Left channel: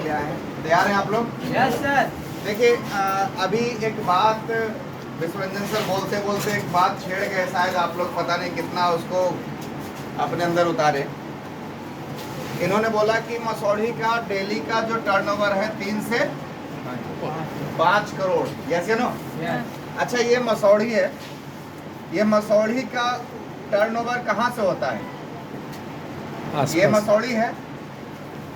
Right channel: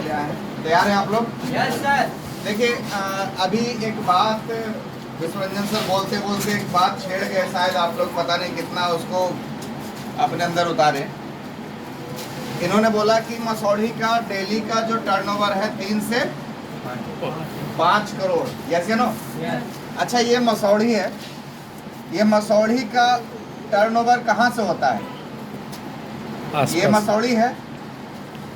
के लिए आए हैं। तैयार हैं आप लोग? Yes sir. देखिए अभी एक बात विश्वरंजन सर बोलते बोलते एक बात छेड़ गए, शायद आप लोग पता नहीं कितना उसको अपने अंदर उतारे। इन्होंने बोला कि मसौढ़ी का डेली का जो टर्नओवर है 3 से 5 करोड़, यस या नो? अच्छा, ये मसौढ़ी है, ये मसौढ़ी का टर्नओवर कहाँ से होता है? ये मसौढ़ी है,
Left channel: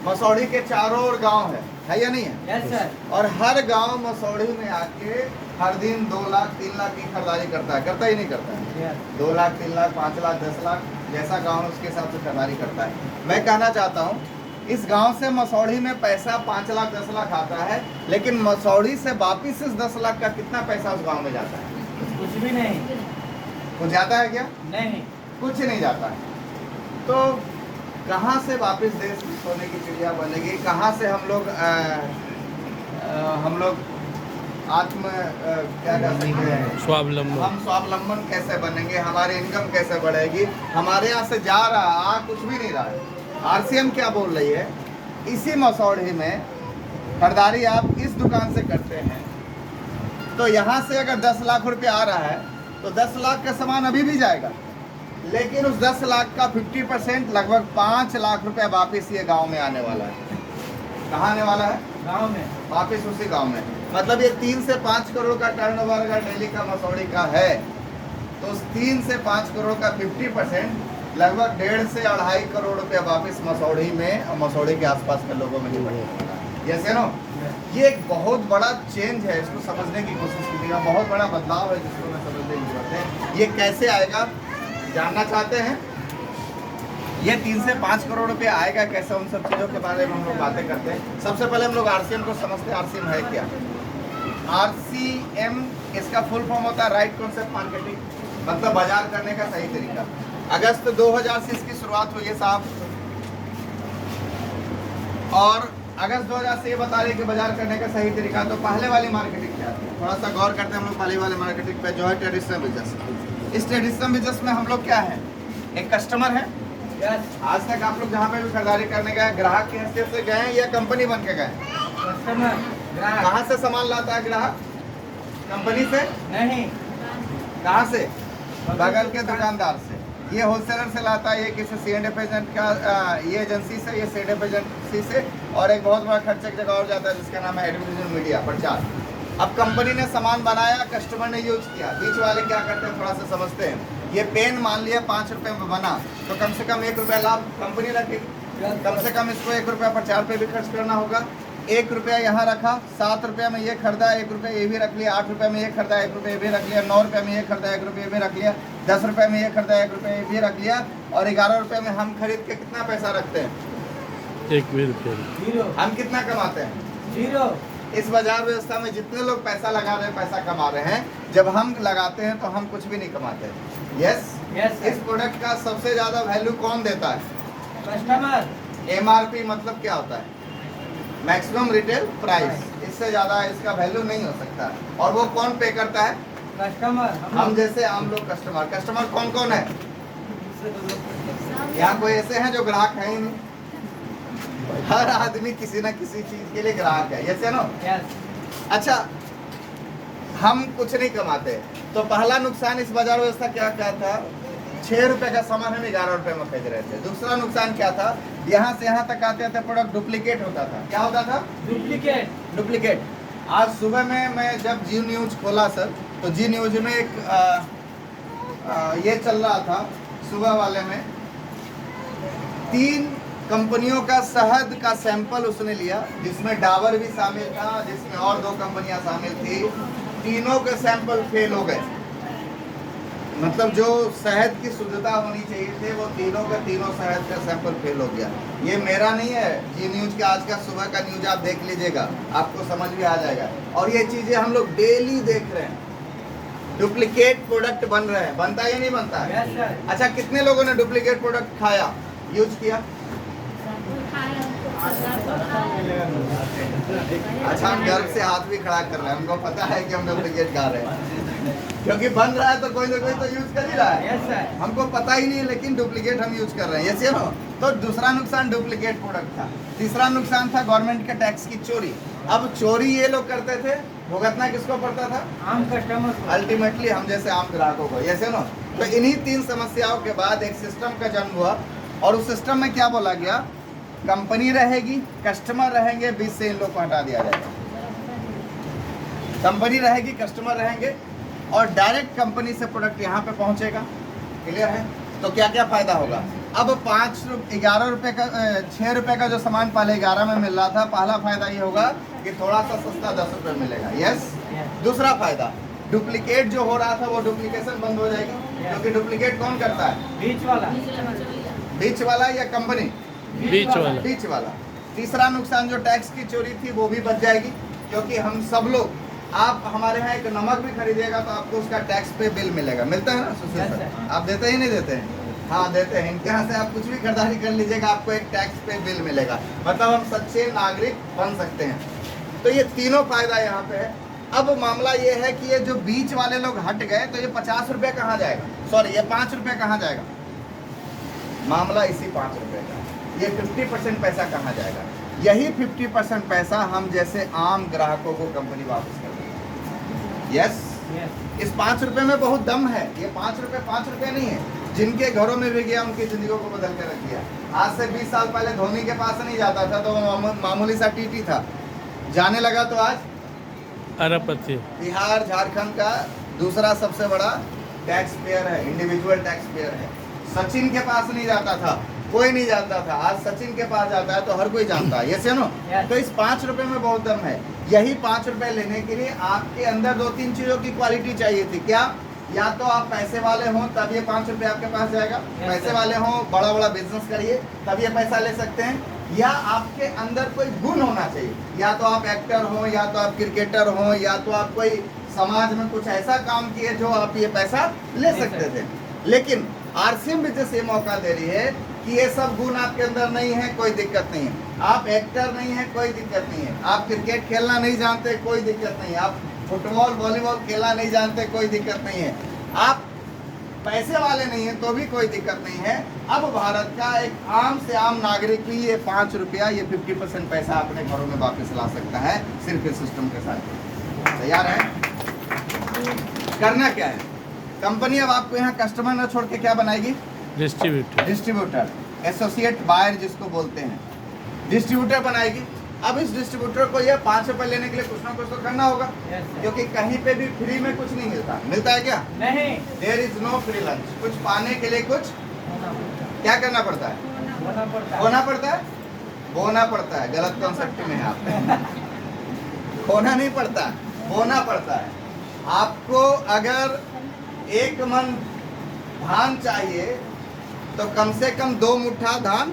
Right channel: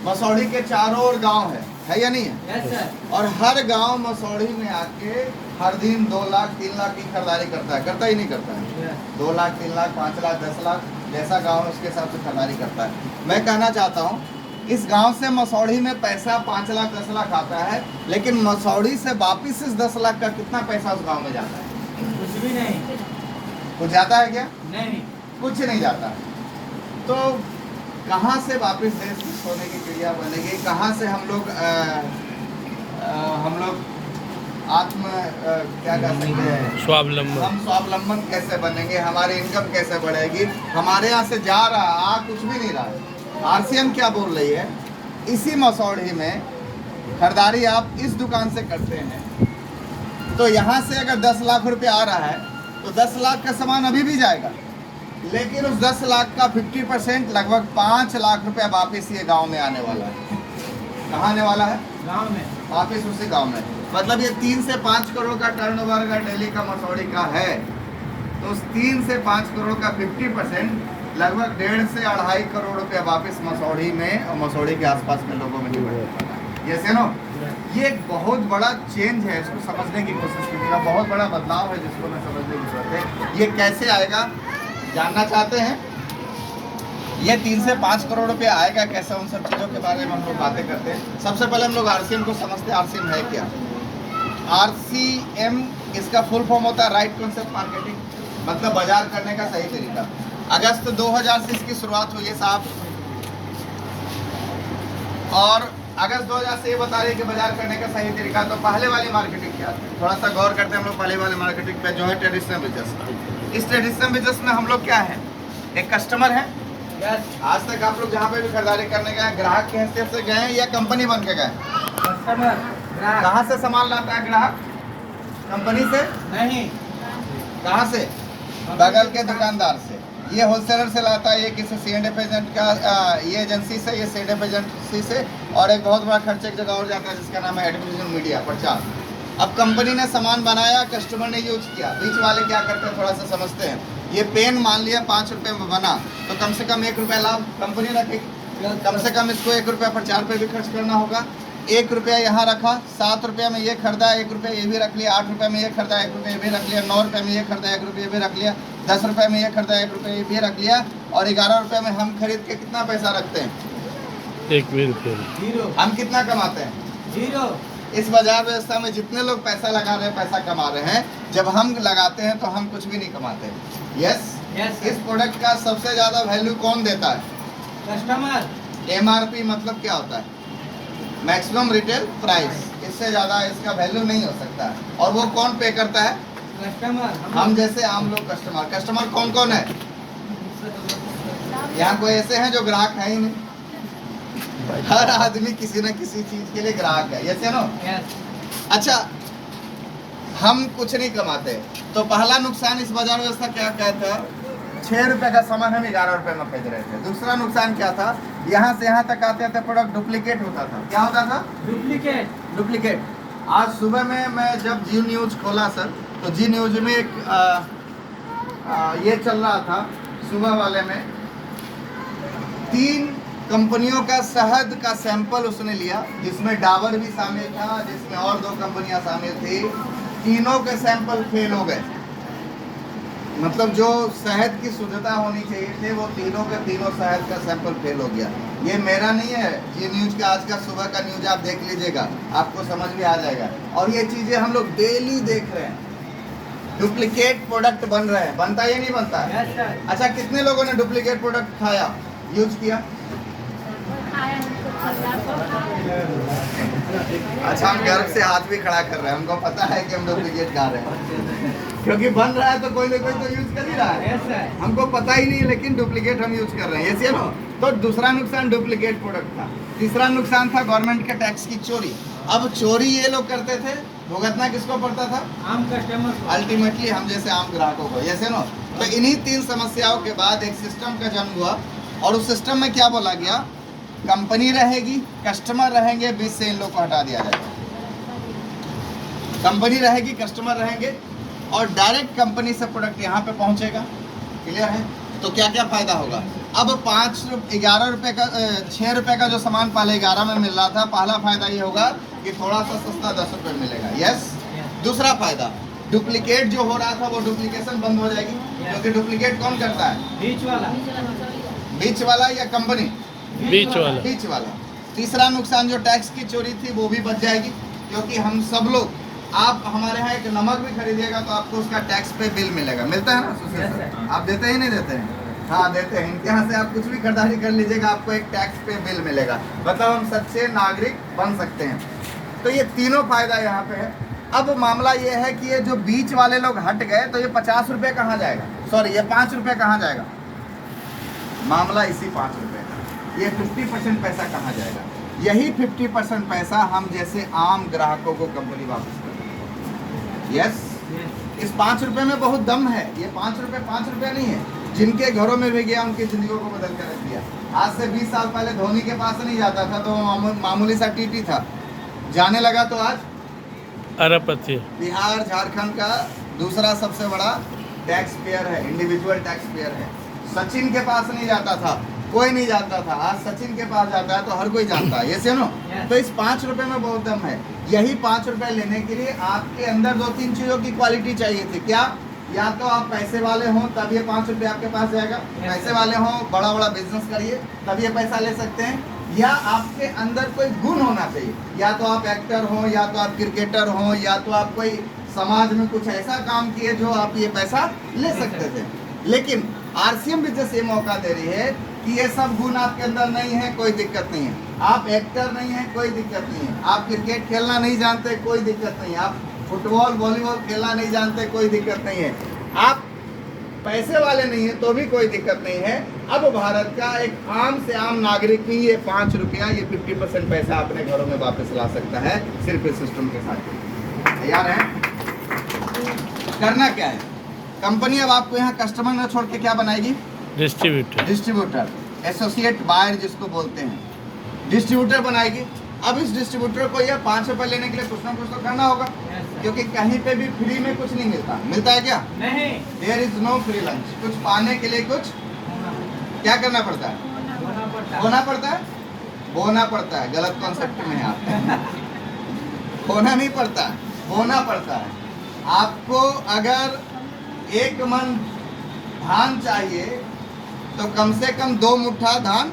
मसौढ़ी के चारों ओर गांव है या नहीं है? Yes sir. और हर गांव मसौढ़ी में आके हर दिन 2 लाख 3 लाख की खरीदारी करता है, करता ही नहीं करता है? 2 लाख 3 लाख 5 लाख 10 लाख जैसा गांव उसके हिसाब से खरीदारी करता है। मैं कहना चाहता हूँ इस गांव से मसौढ़ी में पैसा 5 लाख 10 लाख आता है, लेकिन मसौढ़ी से वापिस इस 10 लाख का कितना पैसा उस गांव में जाता है? कुछ भी नहीं। कुछ जाता है क्या? नहीं, कुछ नहीं जाता है। तो कहाँ से वापस देश सोने की चिड़िया बनेगी? कहाँ से हम लोग क्या कर सकते हैं? स्वावलंबन। हम स्वावलंबन कैसे बनेंगे? हमारी इनकम कैसे बढ़ेगी? हमारे यहाँ से जा रहा है, आ कुछ भी नहीं रहा है। आरसीएम क्या बोल रही है? इसी मसौढ़ी में खरीदारी आप इस दुकान से करते हैं तो यहाँ से अगर 10 लाख रुपए आ रहा है तो 10 लाख का सामान अभी भी जाएगा, लेकिन उस 10 लाख का 50% लगभग 5 लाख रुपया वापिस ये गांव में आने वाला है। कहाँ आने वाला है? गांव में। वापिस उसी गांव में। मतलब ये 3 से 5 करोड़ का टर्नओवर अगर डेली का मसौढ़ी का है तो उस 3 से 5 करोड़ का 50% लगभग 1.5 से 2.5 करोड़ रुपया वापिस मसौढ़ी में और मसौढ़ी के आसपास के लोगों में नहीं बढ़ेगा। Yes no? ये एक बहुत बड़ा चेंज है, इसको समझने की कोशिश कीजिएगा। बहुत बड़ा बदलाव है जिसको हमें समझने की जरूरत है। ये कैसे आएगा जानना चाहते हैं? ये 3 से 5 करोड़ रुपए आएगा कैसे? उन सब चीज़ों के बारे में हम लोग बातें करते हैं। सबसे पहले हम लोग आरसीएम को समझते हैं। आरसीएम है क्या? आरसीएम इसका फुल फॉर्म होता है राइट कॉन्सेप्ट मार्केटिंग, मतलब बाजार करने का सही तरीका। अगस्त 2000 से इसकी शुरुआत हुई है साहब, और अगस्त 2000 से ये बता रहे हैं कि बाजार करने का सही तरीका। तो पहले वाली मार्केटिंग क्या थी? थोड़ा सा गौर करते हैं हम लोग पहले वाली मार्केटिंग पे, जो है ट्रेडिशनल बिजनेस। इस ट्रेडिशनल बिजनेस में हम लोग क्या है? एक कस्टमर है। यस। आज तक आप लोग जहाँ पे भी खरीदारी करने गए ग्राहक की हैसियत से गए या कंपनी बन के गए? कस्टमर, ग्राहक। कहाँ से सामान लाता है ग्राहक? कंपनी से नहीं। कहाँ से? बगल के दुकानदार से। ये होलसेलर से लाता है, ये किसी C&F एजेंट का ये एजेंसी से, ये C&F एजेंसी से, और एक बहुत बड़ा खर्च एक जगह और जाता है जिसका नाम है एडवर्टाइजमेंट मीडिया, प्रचार। अब कंपनी ने सामान बनाया, कस्टमर ने यूज किया, बीच वाले क्या करते हैं थोड़ा सा समझते हैं। ये पेन मान लिया 5 रुपये में बना तो कम से कम 1 रुपया लाभ कंपनी रखे, कम से कम इसको 1 रुपया प्रचार पे भी खर्च करना होगा। 1 रुपया यहाँ रखा, 7 रुपये में ये खरीदा, 1 रुपया ये भी रख लिया, 8 रुपये में ये खरीदा, 1 रुपया ये भी रख लिया, 9 रुपये में ये खरीदा, 1 रुपया ये भी रख लिया, 10 रुपये में ये खरीदा, 1 रुपया ये भी रख लिया, और 11 रुपये में हम खरीद के कितना पैसा रखते हैं? 1 भी रुपया। जीरो। हम कितना कमाते हैं? जीरो। इस बाजार व्यवस्था में जितने लोग पैसा लगा रहे हैं, पैसा कमा रहे हैं, जब हम लगाते हैं तो हम कुछ भी नहीं कमाते। यस? यस। इस प्रोडक्ट का सबसे ज़्यादा वैल्यू कौन देता है? कस्टमर। MRP मतलब क्या होता है? Maximum retail price. इससे ज़्यादा इसका वैल्यू नहीं हो सकता। और वो कौन पे करता है? कस्टमर। हम जैसे आम लोग कस्टमर। कस्टमर कौन कौन है? यहाँ कोई ऐसे हैं जो ग्राहक है ही नहीं? हर आदमी किसी न किसी चीज़ के लिए ग्राहक है। यस या नो? यस। अच्छा, हम कुछ नहीं कमाते तो पहला नुकसान इस बाजार व्यवस्था क्या था? 6 रुपए का सामान हम 11 रुपए में खरीद रहे थे। दूसरा नुकसान क्या था? यहाँ से यहाँ तक आते आते प्रोडक्ट डुप्लीकेट होता था। क्या होता था? डुप्लीकेट। आज सुबह में मैं जब जी न्यूज़ खोला सर, तो जी न्यूज़ में एक ये चल रहा था सुबह वाले में, 3 कंपनियों का शहद का सैंपल उसने लिया, जिसमें डाबर भी शामिल था, जिसमें और 2 कंपनियां शामिल थी। तीनों के सैंपल फेल हो गए। मतलब जो शहद की शुद्धता होनी चाहिए थे वो तीनों के तीनों शहद का सैंपल फेल हो गया। ये मेरा नहीं है, जी न्यूज़ का आज का सुबह का न्यूज़ आप देख लीजिएगा, आपको समझ में आ जाएगा। और ये चीज़ें हम लोग डेली देख रहे हैं। डुप्लीकेट प्रोडक्ट बन रहे हैं। बनता या नहीं बनता है? Yes sir. अच्छा, कितने लोगों ने डुप्लीकेट प्रोडक्ट खाया, यूज किया? अच्छा, हम गर्व से हाथ भी खड़ा कर रहे हैं, हमको पता है कि हम डुप्लीकेट खा रहे हैं। क्योंकि बन रहा है तो कोई ना कोई तो यूज कर ही रहा है। Yes sir. हमको पता ही नहीं है, लेकिन डुप्लीकेट हम यूज कर रहे हैं, ये नो। तो दूसरा नुकसान डुप्लीकेट प्रोडक्ट था। तीसरा नुकसान था गवर्नमेंट के टैक्स की चोरी। अब चोरी ये लोग करते थे, भुगतना किसको पड़ता था? आम कस्टमर को। अल्टीमेटली हम जैसे आम ग्राहकों को, ये नो। तो इन्हीं 3 समस्याओं के बाद एक सिस्टम का जन्म हुआ, और उस सिस्टम में क्या बोला गया? कंपनी रहेगी, कस्टमर रहेंगे, बीच से इन लोग को हटा दिया जाएगा। कंपनी रहेगी, कस्टमर रहेंगे, और डायरेक्ट कंपनी से प्रोडक्ट यहाँ पे पहुँचेगा। क्लियर है? तो क्या क्या फायदा होगा? अब 11 रुपये का 6 रुपये का जो सामान पहले 11 में मिल रहा था, पहला फायदा ये होगा कि थोड़ा सा सस्ता 10 रुपये मिलेगा। यस। दूसरा फायदा, डुप्लीकेट जो हो रहा था वो डुप्लीकेशन बंद हो जाएगी, क्योंकि डुप्लीकेट कौन करता है? बीच वाला या कंपनी? बीच वाला। तीसरा नुकसान जो टैक्स की चोरी थी वो भी बच जाएगी, क्योंकि हम सब लोग, आप हमारे यहाँ एक नमक भी खरीदिएगा तो आपको उसका टैक्स पे बिल मिलेगा। मिलता है ना सुशील सर? आप देते ही नहीं देते हैं? हाँ देते हैं। इनके यहाँ से आप कुछ भी खरीदारी कर लीजिएगा, आपको एक टैक्स पे बिल मिलेगा। मतलब हम सच्चे नागरिक बन सकते हैं। तो ये तीनों फायदा यहाँ पे है। अब मामला ये है कि ये जो बीच वाले लोग हट गए तो ये 50 रुपये कहाँ जाएगा? सॉरी, ये 5 रुपये कहाँ जाएगा? मामला इसी 5 रुपये का। ये 50% पैसा कहाँ जाएगा? यही 50% पैसा हम जैसे आम ग्राहकों को कंपनी वापस करेगी। यस। इस 5 रुपये में बहुत दम है। ये 5 रुपये नहीं है। जिनके घरों में भी गया उनकी जिंदगियों को बदल कर रख दिया। आज से 20 साल पहले धोनी के पास नहीं जाता था तो वो मामूली सा टीटी था, जाने लगा तो आज अरबपति। बिहार झारखंड का दूसरा सबसे बड़ा टैक्स पेयर है, इंडिविजुअल टैक्स पेयर है। सचिन के पास नहीं जाता था, कोई नहीं जानता था, आज सचिन के पास जाता है तो हर कोई जानता है। ये से नो। तो इस 5 रुपये में बहुत दम है। यही 5 रुपये लेने के लिए आपके अंदर 2-3 चीज़ों की क्वालिटी चाहिए थी। क्या? या तो आप पैसे वाले हों तब ये 5 रुपये आपके पास जाएगा, पैसे वाले हों, बड़ा बड़ा बिजनेस करिए तब ये पैसा ले सकते हैं, या आपके अंदर कोई गुण होना चाहिए। या तो आप एक्टर हो, या तो आप क्रिकेटर हो, या तो आप कोई समाज में कुछ ऐसा काम किए जो आप ये पैसा ले सकते थे। लेकिन आरसीएम बिजनेस ये मौका दे रही है कि ये सब गुण आपके अंदर नहीं है, कोई दिक्कत नहीं है। आप एक्टर नहीं है, कोई दिक्कत नहीं है। आप क्रिकेट खेलना नहीं जानते, कोई दिक्कत नहीं है। आप फुटबॉल वॉलीबॉल खेलना नहीं जानते, कोई दिक्कत नहीं है। आप पैसे वाले नहीं है तो भी कोई दिक्कत नहीं है। अब भारत का एक आम से आम नागरिक भी ये 5 रुपया, ये 50% पैसा अपने घरों में वापस ला सकता है, सिर्फ इस सिस्टम के साथ। तैयार है? करना क्या है? कंपनी अब आपको यहाँ कस्टमर न छोड़ के क्या बनाएगी? डिस्ट्रीब्यूटर, एसोसिएट बायर जिसको बोलते हैं, डिस्ट्रीब्यूटर बनाएगी। अब इस डिस्ट्रीब्यूटर को ये 5 रुपये लेने के लिए कुछ ना कुछ तो करना होगा, क्योंकि कहीं पे भी फ्री में कुछ नहीं मिलता। मिलता है क्या? नहीं। There is no free lunch. कुछ पाने के लिए कुछ क्या करना पड़ता है? खोना पड़ता है। बोना पड़ता है। गलत कॉन्सेप्ट में है आप। खोना नहीं पड़ता, बोना पड़ता है। आपको अगर 1 मन धान चाहिए तो कम से कम 2 मुट्ठा धान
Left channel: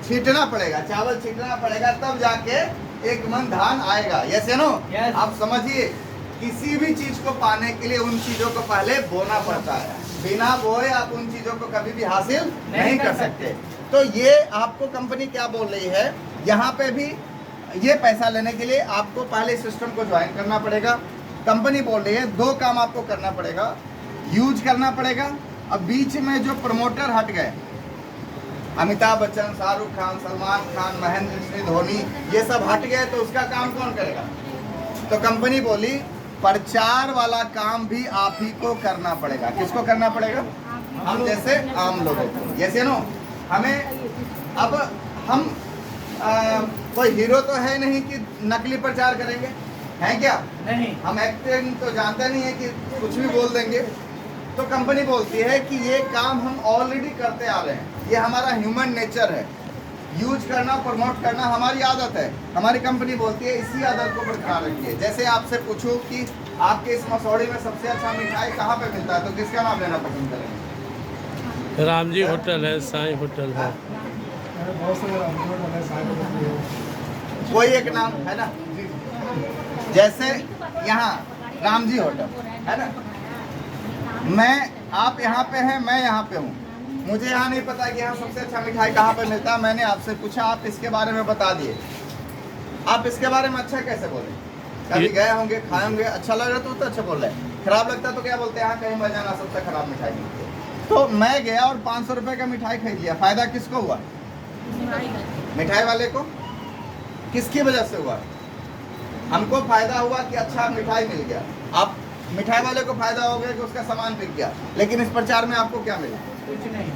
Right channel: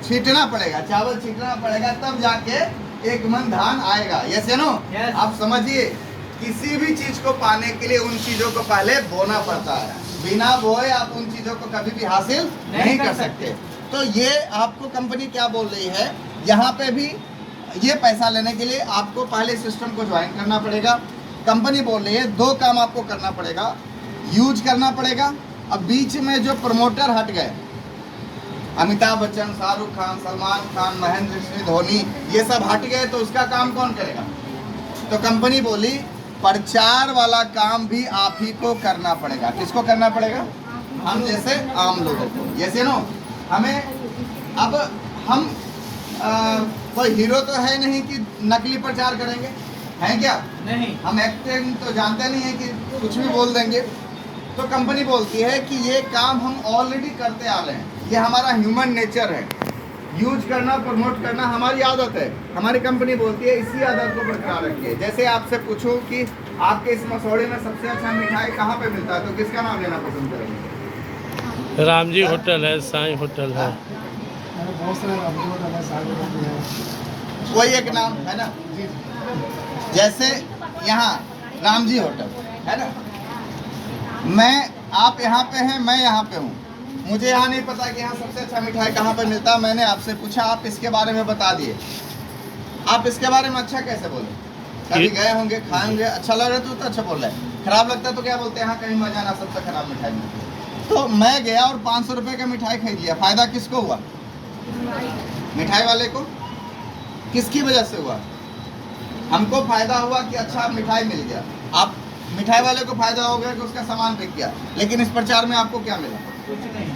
छींटना पड़ेगा, चावल छींटना पड़ेगा, तब जाके 1 मन धान आएगा। यस या नो? आप समझिए, किसी भी चीज को पाने के लिए उन चीजों को पहले बोना पड़ता है। बिना बोए आप उन चीजों को कभी भी हासिल नहीं कर सकते। तो ये आपको कंपनी क्या बोल रही है, यहाँ पे भी ये पैसा लेने के लिए आपको पहले सिस्टम को ज्वाइन करना पड़ेगा। कंपनी बोल रही है 2 काम आपको करना पड़ेगा, यूज करना पड़ेगा। अब बीच में जो प्रमोटर हट गए, अमिताभ बच्चन, शाहरुख खान, सलमान खान, महेंद्र सिंह धोनी, ये सब हट गए तो उसका काम कौन करेगा? तो कंपनी बोली प्रचार वाला काम भी आप ही को करना पड़ेगा। किसको करना पड़ेगा? हम जैसे आम लोगों को। जैसे नो, हमें अब हम कोई हीरो तो है नहीं कि नकली प्रचार करेंगे, हैं क्या? नहीं। हम एक्टिंग तो जानते नहीं है कि कुछ भी बोल देंगे। तो कंपनी बोलती है कि ये काम हम ऑलरेडी करते आ रहे हैं, ये हमारा ह्यूमन नेचर है, यूज करना, प्रमोट करना हमारी आदत है। हमारी कंपनी बोलती है इसी आदत को बरकरार रखिए। जैसे आपसे पूछूं कि आपके इस मसौड़े में सबसे अच्छा मिठाई कहाँ पे मिलता है, तो किसका नाम लेना पसंद करेंगे? राम जी होटल है, साईं होटल है, बहुत सारे होटल है, साईं होटल है। कोई एक नाम है ना? जैसे यहाँ राम जी होटल है ना, आप यहाँ पे हैं, मैं यहाँ पे हूँ, मुझे यहाँ नहीं पता कि यहाँ सबसे अच्छा मिठाई कहाँ पर मिलता है। मैंने आपसे पूछा, आप इसके बारे में बता दिए। आप इसके बारे में अच्छा कैसे बोले? कभी गए होंगे, खाए होंगे, अच्छा लग रहा तो अच्छा बोल रहे हैं। खराब लगता है तो क्या बोलते हैं, हाँ कहीं मत जाना, सबसे खराब मिठाई मिलती है। तो मैं गया और 500 रुपये का मिठाई खरीद लिया, फायदा किसको हुआ? मिठाई वाले को। किसकी वजह से हुआ? हमको फायदा हुआ कि अच्छा मिठाई मिल गया। आप मिठाई वाले को फायदा हो गया कि उसका सामान बिक गया, लेकिन इस प्रचार में आपको क्या मिला? कुछ नहीं।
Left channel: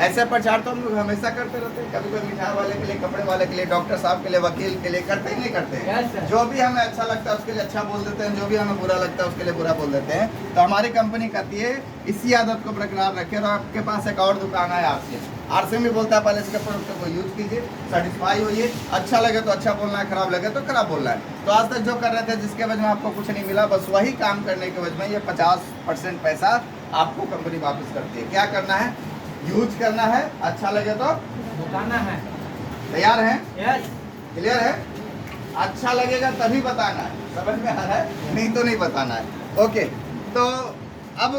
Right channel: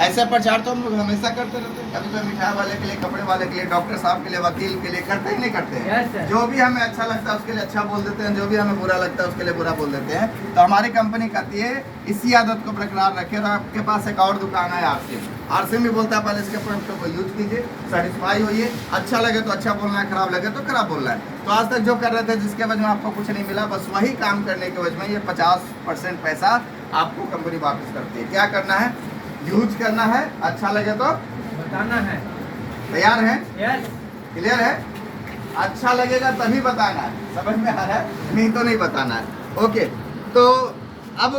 ऐसे प्रचार तो हम लोग हमेशा करते रहते हैं, कभी कोई मिठाई वाले के लिए, कपड़े वाले के लिए, डॉक्टर साहब के लिए, वकील के लिए, करते ही नहीं करते हैं। Yes, sir. जो भी हमें अच्छा लगता है उसके लिए अच्छा बोल देते हैं, जो भी हमें बुरा लगता है उसके लिए बुरा बोल देते हैं। तो हमारी कंपनी कहती है इसी आदत को बरकरार रखें। और आपके पास एक और दुकान है आरसीएम भी बोलता है पहले इसके प्रोडक्ट को यूज कीजिए, सेटिस्फाई होइए, अच्छा लगे तो अच्छा बोलना है, खराब लगे तो खराब बोलना है। तो आज तक जो कर रहे थे जिसके वजह में आपको कुछ नहीं मिला, बस वही काम करने के वजह में ये 50% पैसा आपको कंपनी वापस करती है। क्या करना है? यूज करना है, अच्छा लगे तो बताना है। तैयार है? यस। क्लियर है? अच्छा लगेगा तभी बताना है, समझ में आ रहा है? नहीं तो नहीं बताना है। ओके, तो अब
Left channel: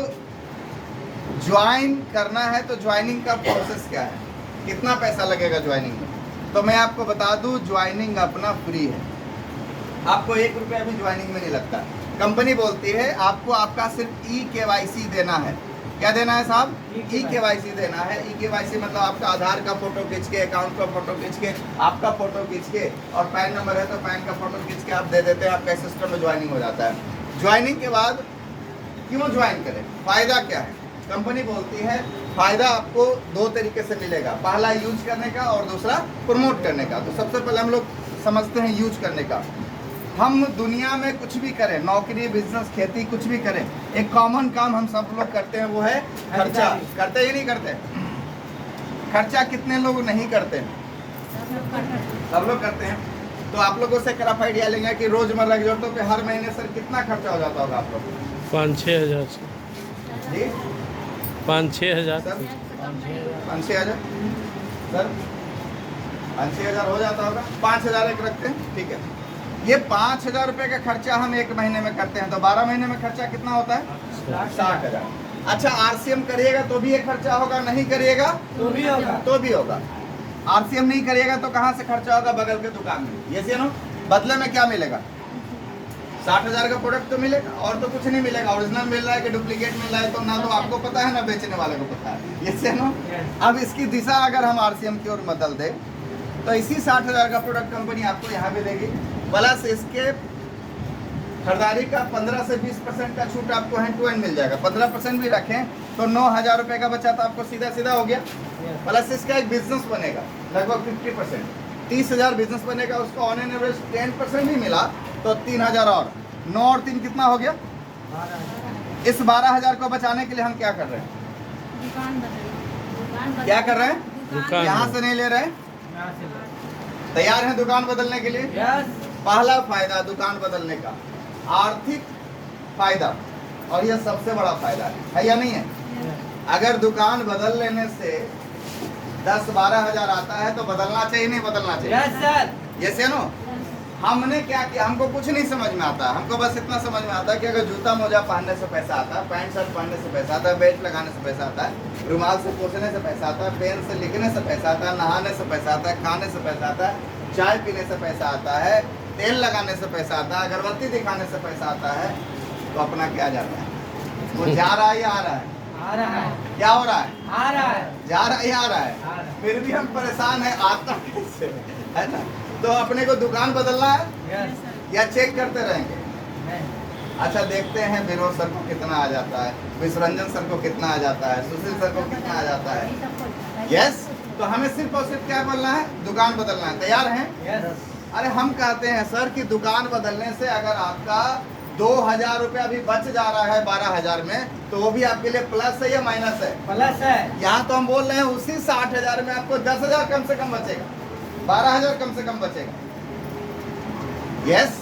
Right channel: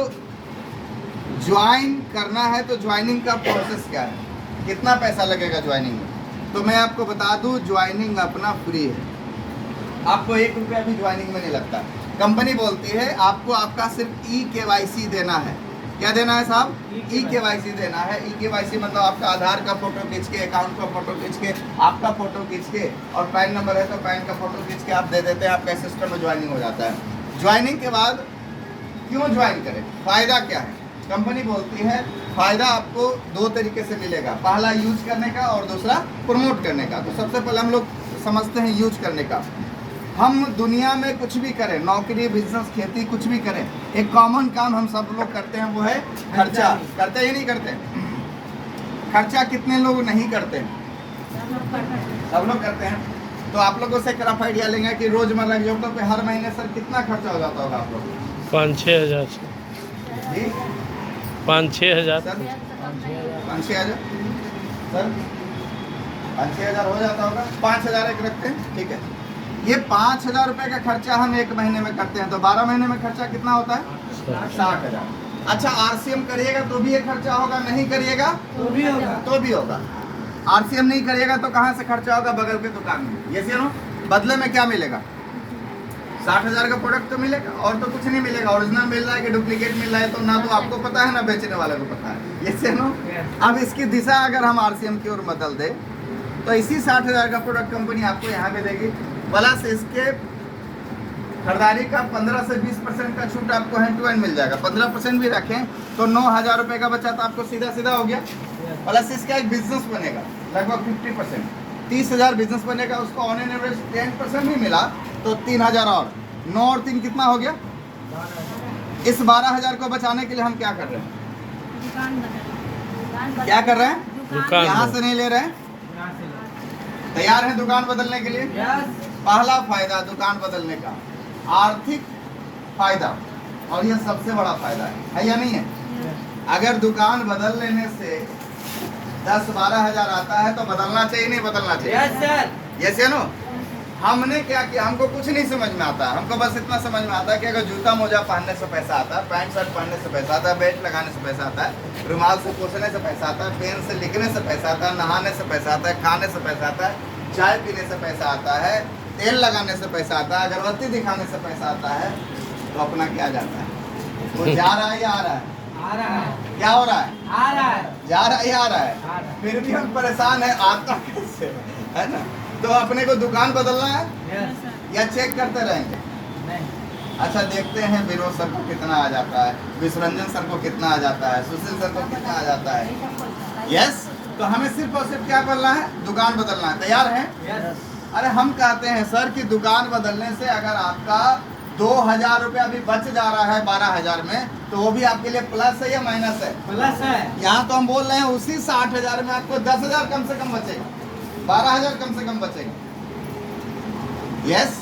ज्वाइन करना है तो ज्वाइनिंग का प्रोसेस क्या है, कितना पैसा लगेगा ज्वाइनिंग में? तो मैं आपको बता दूं ज्वाइनिंग अपना फ्री है, आपको 1 रुपया भी ज्वाइनिंग में नहीं लगता। कंपनी बोलती है आपको आपका सिर्फ EKYC देना है। क्या देना है साहब? EKYC देना है। EKYC मतलब आपका आधार का फोटो खींच के, अकाउंट का फोटो खींच के, आपका फोटो खींच के, और पैन नंबर है तो पैन का फोटो खींच के आप दे देते हैं, आपका सिस्टम में ज्वाइनिंग हो जाता है। ज्वाइनिंग के बाद क्यों ज्वाइन करें, फायदा क्या है? कंपनी बोलती है फायदा आपको 2 तरीके से मिलेगा, पहला यूज करने का और दूसरा प्रमोट करने का। तो सबसे पहले हम लोग समझते हैं यूज करने का। हम दुनिया में कुछ भी करें, नौकरी, बिजनेस, खेती, कुछ भी करें, एक कॉमन काम हम सब लोग करते हैं, वो है खर्चा। करते ही नहीं करते? खर्चा कितने लोग नहीं करते हैं? सब लोग करते हैं। तो आप लोगों से एक रफ आइडिया लेंगे कि रोजमर्रा की जरूरतों पे हर महीने सर कितना खर्चा हो जाता होगा आप लोग? 5-6 हज़ार जी 5-6 हज़ार सर, 5-6 हज़ार सर, 5-6 हज़ार हो जाता होगा। 5 हज़ार एक रखते हैं, ठीक है। ये 5,000 रुपये का खर्चा हम 1 महीने में करते हैं, तो 12 महीने में खर्चा कितना होता है? 60,000। अच्छा, आरसीएम करिएगा तो भी ये खर्चा होगा, नहीं करिएगा तो भी होगा। तो भी होगा। आरसीएम नहीं करिएगा तो कहाँ से खर्चा होगा? बगल के दुकान में। ये नो बदले में क्या मिलेगा? 60,000 का प्रोडक्ट तो मिलेगा और तो कुछ नहीं मिलेगा। ओरिजिनल मिल रहा है कि डुप्लीकेट मिल रहा है, तो ना तो आपको पता है ना बेचने वाले को पता है। ये नो अब इसकी दिशा अगर हम आरसीएम की ओर बदल दे तो इसी 60,000 का प्रोडक्ट कंपनी आपको यहाँ पे देगी, प्लस इसके खरीदारी का 15 से 20% का छूट आपको हैंड टू हैंड मिल जाएगा। 15% भी रखें तो 9,000 रुपये का बचा तो आपको सीधा सीधा हो गया। प्लस इसका एक बिजनेस बनेगा लगभग 50%, 30,000 बिजनेस बनेगा, उसको ऑन एन एवरेज 10% भी मिला तो 3,000 और 9 और 3 कितना हो गया? इस 12,000 को बचाने के लिए हम क्या कर रहे हैं? दुकान क्या कर रहे हैं? दुकान यहाँ से नहीं ले रहे हैं। तैयार हैं दुकान बदलने के लिए? यस। पहला फायदा दुकान बदलने का आर्थिक फायदा, और यह सबसे बड़ा फायदा है या नहीं है? अगर दुकान बदल लेने से 10-12 हज़ार आता है तो बदलना चाहिए, नहीं बदलना चाहिए? Yes sir. यस या नो? हमने क्या किया, हमको कुछ नहीं समझ में आता, हमको बस इतना समझ में आता है कि अगर जूता मोजा पहनने से पैसा आता है, पैंट शर्ट पहनने से पैसा आता है, बेल्ट लगाने से पैसा आता है, रुमाल से पोंछने से पैसा आता है, पेन से लिखने से पैसा आता है, नहाने से पैसा आता है, खाने से पैसा आता है, चाय पीने से पैसा आता है, तेल लगाने से पैसा आता है, अगरबत्ती दिखाने से पैसा आता है, तो अपना क्या जाता है? वो जा रहा है या आ रहा है? आ रहा है। क्या हो रहा है? आ रहा है। जा रहा है या आ रहा आ है? रहा है। फिर भी हम परेशान हैं, आता कैसे है ना? तो अपने को दुकान बदलना है यस। या चेक करते रहेंगे? नहीं। अच्छा, देखते हैं विनोद सर को कितना आ जाता है, विश्वरंजन सर को कितना आ जाता है, सुशील सर को कितना आ जाता है। यस, तो हमें सिर्फ और सिर्फ क्या करना है? दुकान बदलना है। तैयार हैं? यस। अरे हम कहते हैं सर कि दुकान बदलने से अगर आपका 2,000 रुपया भी बच जा रहा है 12,000 में, तो वो भी आपके लिए प्लस है या माइनस है? प्लस है। यहाँ तो हम बोल रहे हैं उसी 60,000 में आपको 10,000 कम से कम बचेगा, 12,000 कम से कम बचेगा। यस,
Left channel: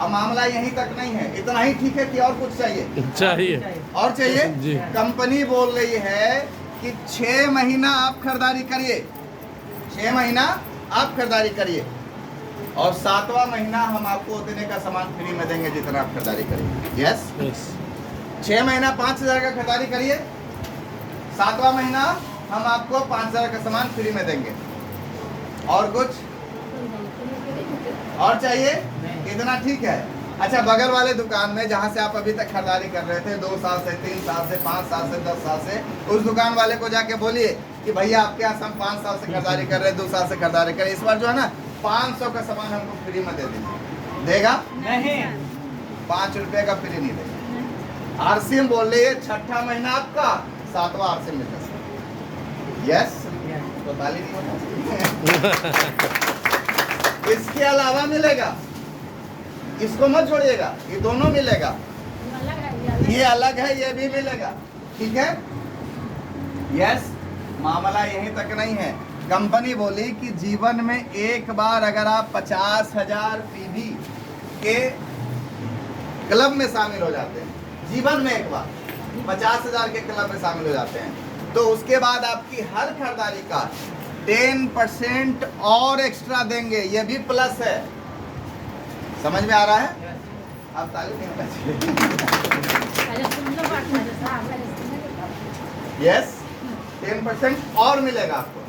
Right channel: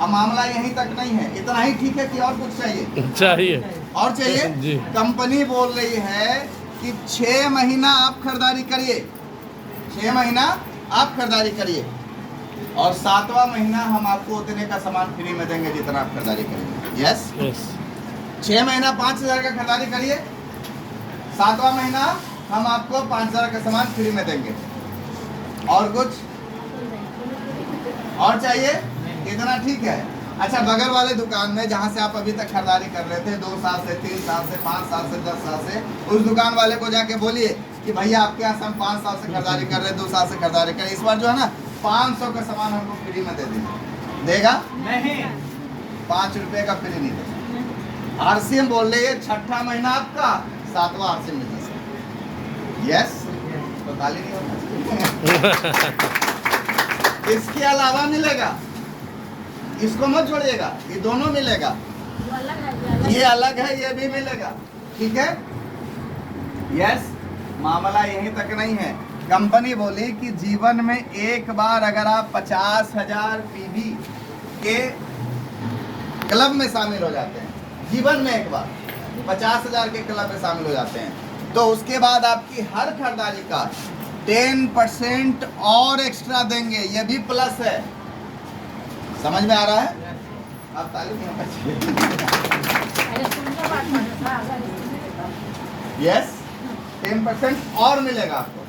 अब मामला यहीं तक नहीं है, इतना ही ठीक है कि और कुछ चाहिए? चाहिए। और चाहिए? जी। कंपनी बोल रही है कि 6 महीना आप खरीदारी करिए, 6 महीना आप खरीदारी करिए, और 7वां महीना हम आपको उतने का सामान फ्री में देंगे जितना आप खरीदारी करेंगे। यस, यस 6 महीना 5,000 का खरीदारी करिए, 7वां महीना हम आपको 5,000 का सामान फ्री में देंगे। और कुछ और चाहिए? नहीं। इतना ठीक है? अच्छा, बगल वाले दुकान में जहाँ से आप अभी तक खरीदारी कर रहे थे 2 साल से, 3 साल से, 5 साल से, 10 साल से, उस दुकान वाले को जाके बोलिए कि भैया आपके यहाँ से हम 5 साल से खरीदारी कर रहे हैं, 2 साल से खरीदारी कर रहे हैं, इस बार जो है ना 500 का सामान हमको फ्री में दे दीजिए। देगा? नहीं, 5 रुपए का फ्री नहीं देगा। आरसीएम बोल रही है, छठा महीना आपका 7वां आरसीएम मिलता है। यस, तो ताली नहीं होना चाहिए। इसके अलावा मिलेगा, इसको मत छोड़िएगा, ये दोनों मिलेगा, ये अलग है, ये भी मिलेगा, ठीक है। यस, मामला यहीं तक नहीं है। कंपनी बोली कि जीवन में एक बार अगर आप 50,000 पीवी के क्लब में शामिल हो जाते हैं, जीवन में एक बार 50,000 के क्लब में शामिल हो जाते हैं, तो उसके बाद आपकी हर खरीदारी का 10% और एक्स्ट्रा देंगे, ये भी प्लस है। समझ में आ रहा है? आप ताली नहीं होना चाहिए। यस, 10% और मिलेगा आपको।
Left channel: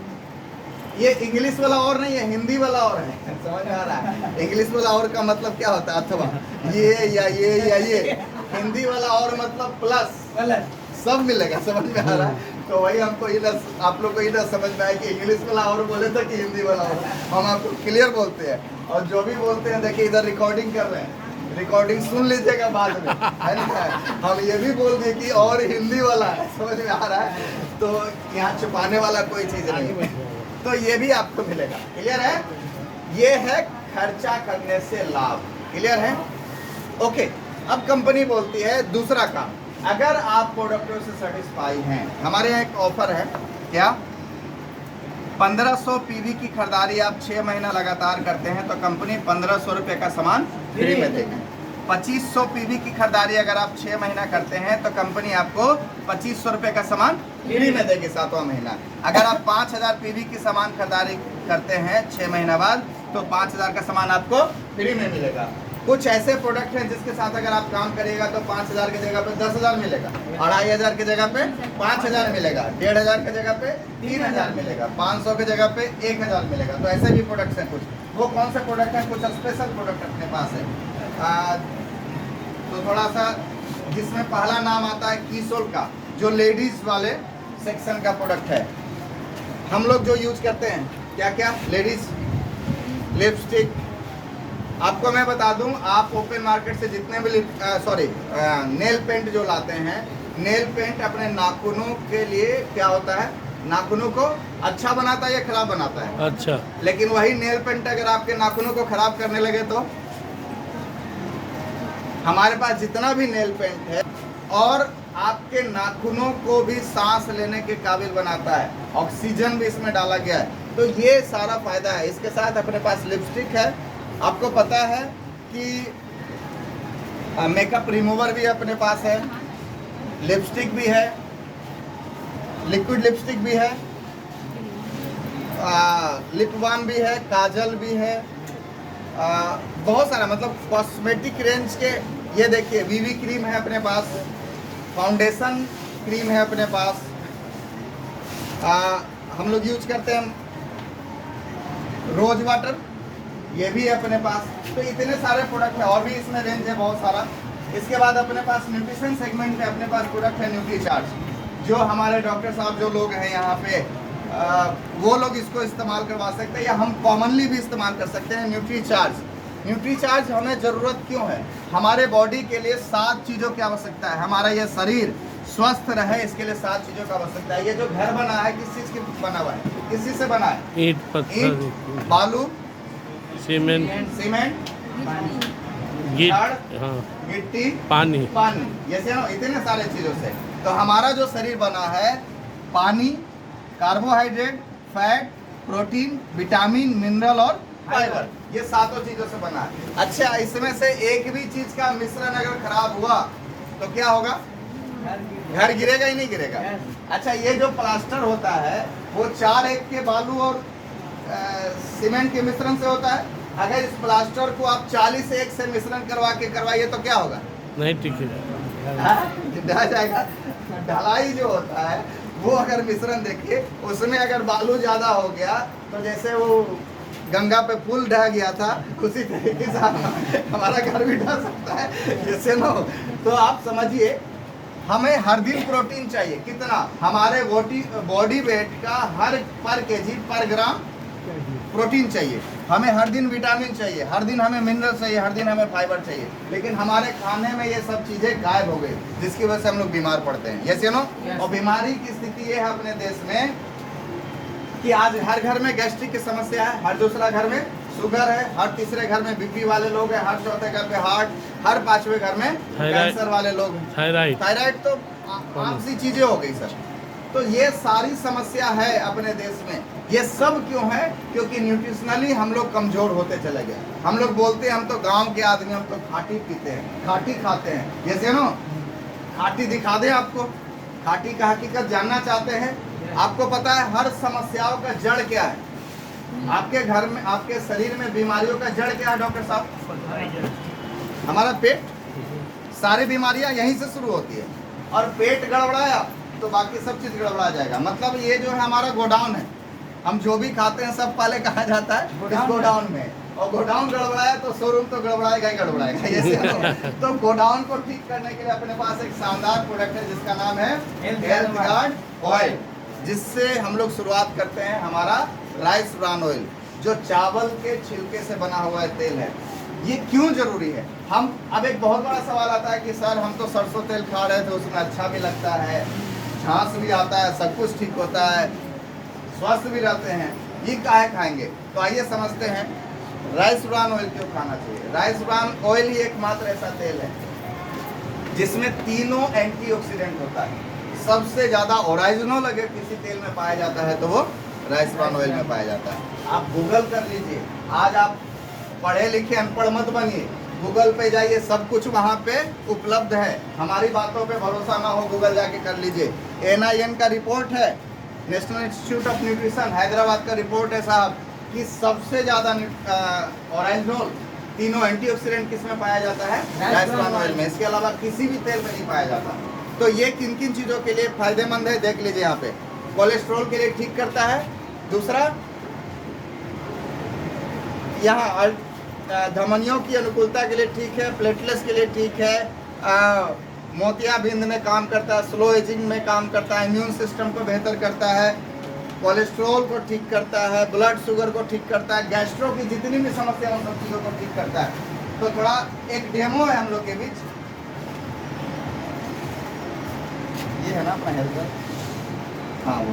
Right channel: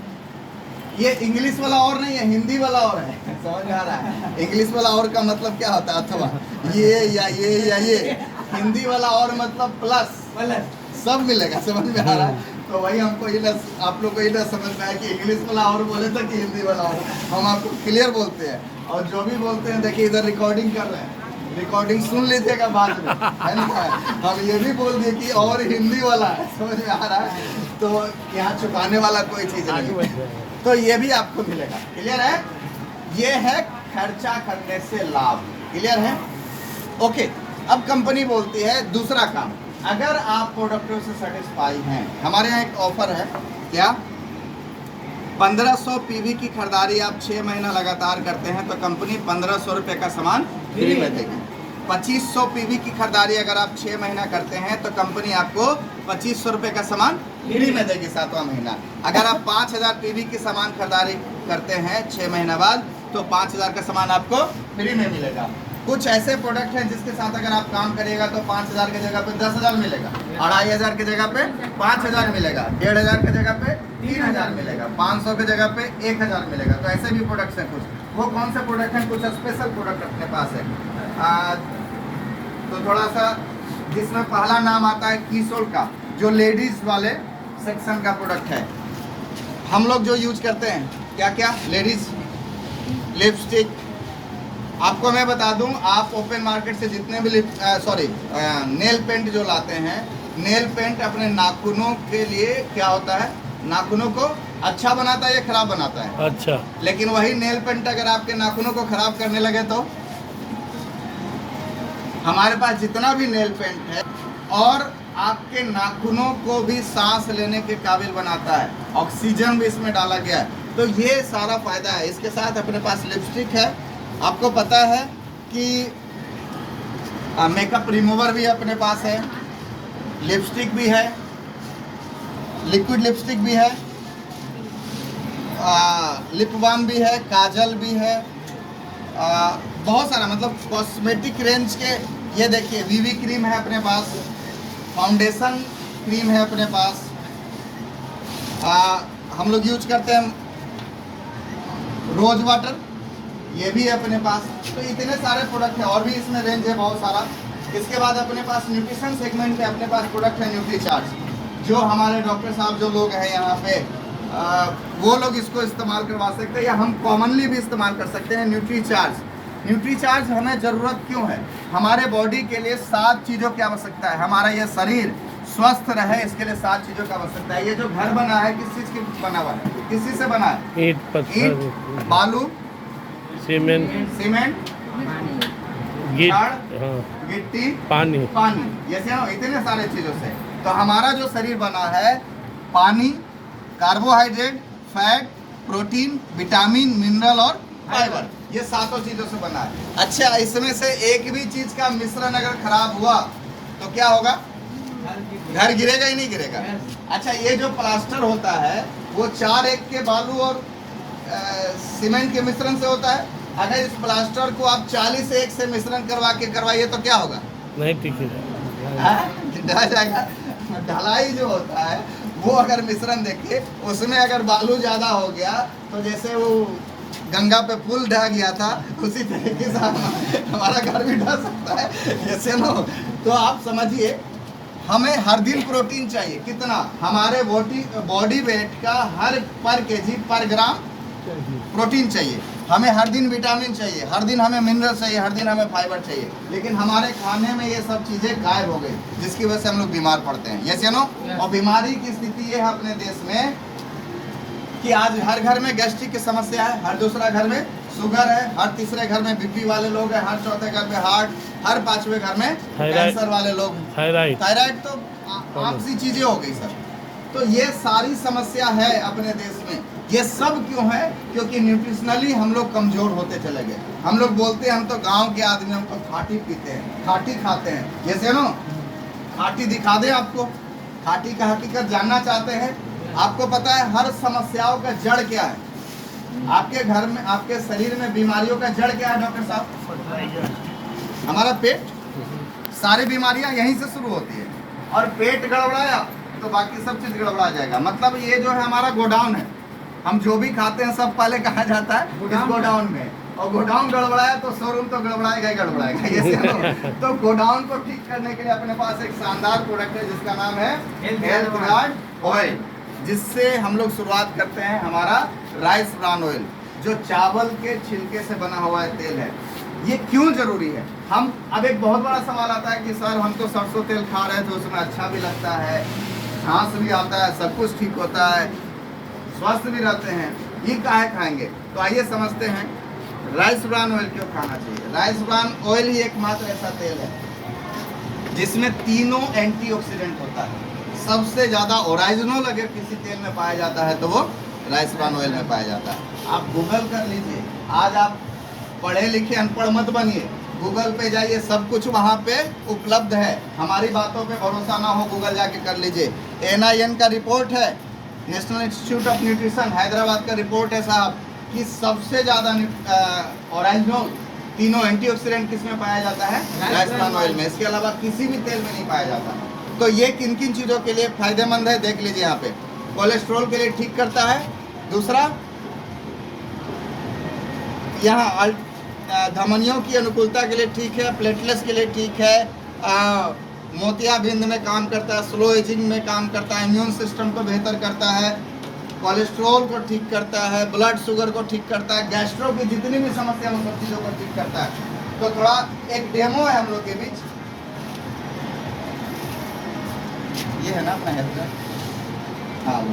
ये इंग्लिश वाला और नहीं है, हिंदी वाला और है। समझ में आ रहा है? इंग्लिश वाला और का मतलब क्या होता है? अथवा ये या ये या ये। हिंदी वाला और मतलब प्लस, सब मिलेगा। समझ में आ रहा है? तो वही हमको आप लोग को ये समझ में आया कि इंग्लिश वाला और बोले थे कि हिंदी वाला और। हम आपको क्लियर बोलते हैं, और जो भी बोलते हैं देखिए इधर रिकॉर्डिंग कर रहे हैं, रिकॉर्डिंग सुन लीजिएगा बाद में, है ना। हम ये भी बोल दिए कि और हिंदी वाला है। समझ में आ रहा है? तो यहाँ छुपाने वाला कोई चीज़ नहीं है। तो ये भी आपको मिलेगा। क्लियर है? ये है खर्चा करने से लाभ। क्लियर है? ओके, अब कंपनी बोलती है दूसरा काम, अगर आप प्रोडक्टों से सेटिस्फाई हैं, हमारे यहाँ एक ऑफर है। क्या? 1500 पीवी की खरीदारी आप 6 महीना लगातार करते हैं तो कंपनी 1500 रुपये का सामान फ्री में देगी। 2500 पीवी की खरीदारी अगर आप 6 महीना करते हैं तो कंपनी आपको 2500 रुपये का सामान फ्री में देगी 7वां महीना। अगर आप 5000 पीवी की सामान खरीदारी करते हैं 6 महीना बाद तो 5000 का सामान आपको फ्री में मिलेगा। कुछ ऐसे प्रोडक्ट हैं जिसके साथ अगर आप काम करिएगा तो 5000 की जगह पे 10,000 मिलेगा, 2500 की जगह पे 5000 मिलेगा, 1500 की जगह पे 3000 मिलेगा, 500 की जगह पे 1000 मिलेगा। तो ऐसे भी प्रोडक्ट्स हैं कुछ। वो कौन से प्रोडक्ट हैं? कुछ स्पेशल प्रोडक्ट अपने पास है। तो थोड़ा सा जिसमें पहला नाम आता है कीसोल का, जो लेडीज वाले सेक्शन का प्रोडक्ट है। हम लोग जो यूज करते हैं क्या क्या? Ladies lipstick. आपको मैं बता दूं, आप ओपन मार्केट से जितने भी नेल पेंट जो लाते हैं, नेल पेंट अपने नाखूनों के लिए क्या होता है? नाखूनों को अच्छा बनाता है या खराब बनाता है? अच्छा। लेकिन वही नेल पेंट अगर आपके नाखूनों को खराब करने लगे तो? हमारे पास जितना भी नेल पेंट है और आपके नाखूनों को भी सांस लेने के काबिल बनाता है, ऑक्सीजन भी इसमें डाला गया है। तो ये सारा फायदा है। इसके साथ अपने पास लिपस्टिक है। आपको पता है कि मेकअप रिमूवर भी अपने पास है, लिपस्टिक भी है, लिक्विड लिपस्टिक भी है, लिप बाम भी है, काजल भी है, बहुत सारा मतलब कॉस्मेटिक रेंज के। ये देखिए वीवी क्रीम है अपने पास, फाउंडेशन क्रीम है अपने पास, हम लोग यूज करते हैं रोज वाटर, ये भी है अपने पास। तो इतने सारे प्रोडक्ट है और भी इसमें रेंज है बहुत सारा। इसके बाद अपने पास न्यूट्रिशन सेगमेंट में अपने पास प्रोडक्ट है न्यूट्री चार्ज, जो हमारे डॉक्टर साहब जो लोग हैं यहाँ पे वो लोग इसको इस्तेमाल करवा सकते हैं या हम कॉमनली भी इस्तेमाल कर सकते हैं। न्यूट्री चार्ज हमें ज़रूरत क्यों है? हमारे बॉडी के लिए 7 चीज़ों की आवश्यकता है। हमारा ये शरीर स्वस्थ रहे इसके लिए 7 चीज़ों की आवश्यकता है। ये जो घर बना है किस चीज़ की बना हुआ है? किस चीज़ से बना है? ईंट, पत्थर, बालू, सीमेंट, गिट्टी, पानी। ये इतने सारे चीज़ों से। तो हमारा जो शरीर बना है पानी, carbohydrate, fat, protein, vitamin, mineral और फाइबर, ये 7 चीज़ों से बना है। अच्छा, इसमें से एक भी चीज़ का मिश्रण अगर खराब हुआ तो क्या होगा? घर गिरेगा ही नहीं गिरेगा। अच्छा, ये जो प्लास्टर होता है वो 4-1 के बालू और सीमेंट के मिश्रण से होता है। अगर इस प्लास्टर को आप 40-1 से मिश्रण करवाइए तो क्या होगा? नहीं टिकेगा, ढह जाएगा। ढलाई जो होता है वो अगर मिश्रण देखिए उसमें अगर बालू ज़्यादा हो गया तो जैसे वो गंगा पे पुल ढह गया था, उसी तरीके से हमारा घर भी ढह सकता है, जैसे नो। तो आप समझिए, हमें हर दिन प्रोटीन चाहिए। कितना? हमारे बॉडी वेट का हर पर केजी पर ग्राम प्रोटीन चाहिए। हमें हर दिन विटामिन चाहिए, हर दिन हमें मिनरल चाहिए, हर दिन हमें फाइबर चाहिए। लेकिन हमारे खाने में ये सब चीज़ें गायब हो गई, जिसकी वजह से हम लोग बीमार पड़ते हैं। यस या नो? और बीमारी की स्थिति ये है अपने देश में कि आज हर घर में गैस्ट्रिक की समस्या है, हर दूसरा घर में शुगर है, हर तीसरे घर में बीपी वाले लोग हैं, हर चौथे घर में हार्ट, हर पांचवें घर में कैंसर वाले लोग हैं। थायराइड तो आम सी चीजें हो गई सर। तो ये सारी समस्या है अपने देश में। ये सब क्यों है? क्योंकि न्यूट्रिशनली हम लोग कमजोर होते चले गए। हम लोग बोलते हैं हम तो गांव के आदमी, हम तो खाटी पीते हैं, खाटी खाते हैं। जैसे नो, खाटी दिखा दे आपको, खाटी का हकीकत जानना चाहते हैं? आपको पता है हर समस्याओं का जड़ क्या है? आपके घर में, आपके शरीर में बीमारियों का जड़ क्या है डॉक्टर साहब? हमारा पेट। सारी बीमारियां यहीं से शुरू होती है, और पेट गड़बड़ाया तो बाकी सब चीज गड़बड़ा जाएगा। मतलब ये जो है हमारा गोडाउन है, हम जो भी खाते हैं सब पहले कहा जाता है इस गोडाउन में, और गोडाउन गड़बड़ाया तो शोरूम तो गड़बड़ाएगा ही गड़बड़ाएगा। तो गोडाउन को ठीक करने के लिए अपने पास एक शानदार प्रोडक्ट है जिसका नाम है हेल्थ गार्ड ऑयल, जिससे हम लोग शुरुआत करते हैं हमारा राइस ब्रान ऑयल, जो चावल के छिलके से बना हुआ तेल है। ये क्यों जरूरी है? हम अब एक बहुत बड़ा सवाल आता है कि सर हम तो सरसों तेल खा रहे हैं तो उसमें अच्छा भी लगता है, छाछ भी आता है, सब कुछ ठीक होता है, स्वस्थ भी रहते हैं, ये काहे खाएंगे? तो आइए समझते हैं राइस ब्रान ऑयल क्यों खाना चाहिए। राइस ब्रान ऑयल ही एकमात्र ऐसा तेल है जिसमें तीनों एंटीऑक्सीडेंट होता है। सबसे ज्यादा ओरिजिनल अगर किसी तेल में पाया जाता है तो वो राइस ब्रान ऑयल में पाया जाता है। आप गूगल कर लीजिए, आज आप पढ़े लिखे अनपढ़ मत बनिए, गूगल पे जाइए, सब कुछ वहाँ पे उपलब्ध है। हमारी बातों पे भरोसा ना हो, गूगल जाके कर लीजिए। NIN का रिपोर्ट है, national institute of nutrition Hyderabad का रिपोर्ट है साहब, कि सबसे ज़्यादा ओरिजिनल तीनों एंटीऑक्सीडेंट किस में पाया जाता है? राइस ब्रान ऑयल में। इसके अलावा किसी भी तेल में नहीं पाया जाता। तो ये किन किन चीज़ों के लिए फायदेमंद है देख लीजिए यहाँ पे। कोलेस्ट्रॉल के लिए ठीक करता है, दूसरा यहाँ धमनियों की अनुकूलता के लिए ठीक है, प्लेटलेट्स के लिए ठीक है, मोतियाबिंद में काम करता है, स्लो एजिंग में काम करता है, इम्यून सिस्टम को बेहतर करता है, कोलेस्ट्रॉल को ठीक करता है, ब्लड शुगर को ठीक करता है, गैस्ट्रो की जितनी भी समस्या उन सब चीज़ों को ठीक करता है। तो थोड़ा एक डेमो है हम लोग के बीच, ये है ना अपना हेल्थ का, हाँ वो